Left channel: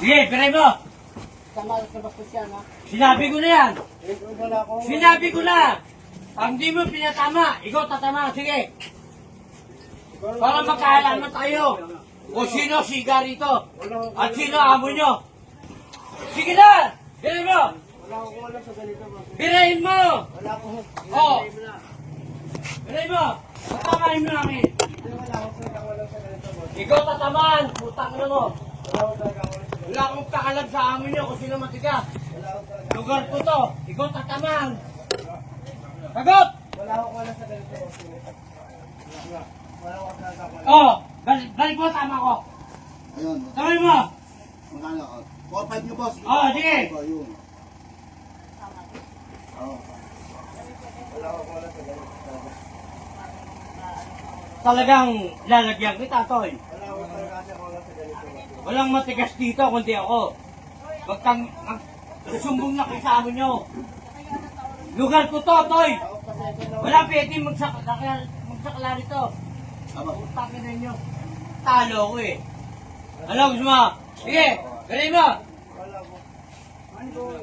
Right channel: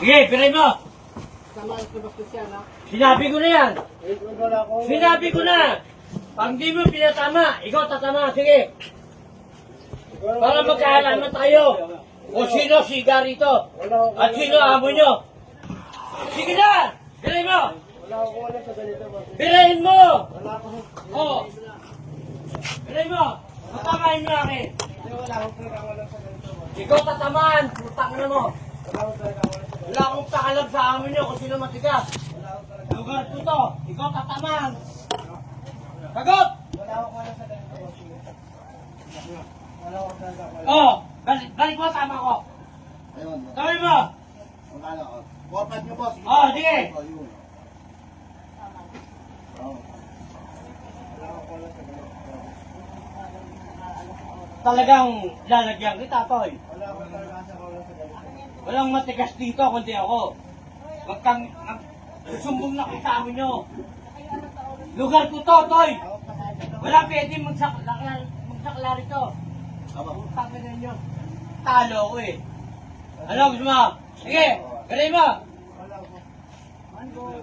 Sige, piray mo. Tama sa bastos yan, ha? Sinabi ko na yan. Wala akong... Sinabi ko na. Pag di mo pinatama, ikaw tatama. Sige. Para magkaalaman tayo. O sino siga rito. At sino amo nyo. Sige na. Piray mo. Wala akong wala sa ganito, boss. Pirayin mo. Wala akong... Oo. Piray mo. Tatamahin mo akin. Wala akong wala sa ganito, boss. Ikaw tatamaan. Putang na mo. Wala akong wala sa ganito. Wala akong pakalam sa amo nyo kung sino matigas. Lugar ko to. Ikaw tatamaan. Kagop! Wala akong wala sa ganito, boss. Wala akong wala sa ganito. Oh, balik mo, tama ko. Ayun. Tawin mo. Magkano? 4-5 nyo, boss. Oh, sige. Oh, yun. Oh. Wala akong wala sa ganito. Talagang lalagyan kita, Toy. Wala akong talaga wala sa ganito. Walang matigas dito, kundi ako. Susumbong na kayo sa amin nyo. Lugar ko to, Toy. Walang pwede magsakla rito. Tama. Pagka na inyo. Talo ko eh. Ano gusto mo? Sige, galing mo. Wala akong... Ano?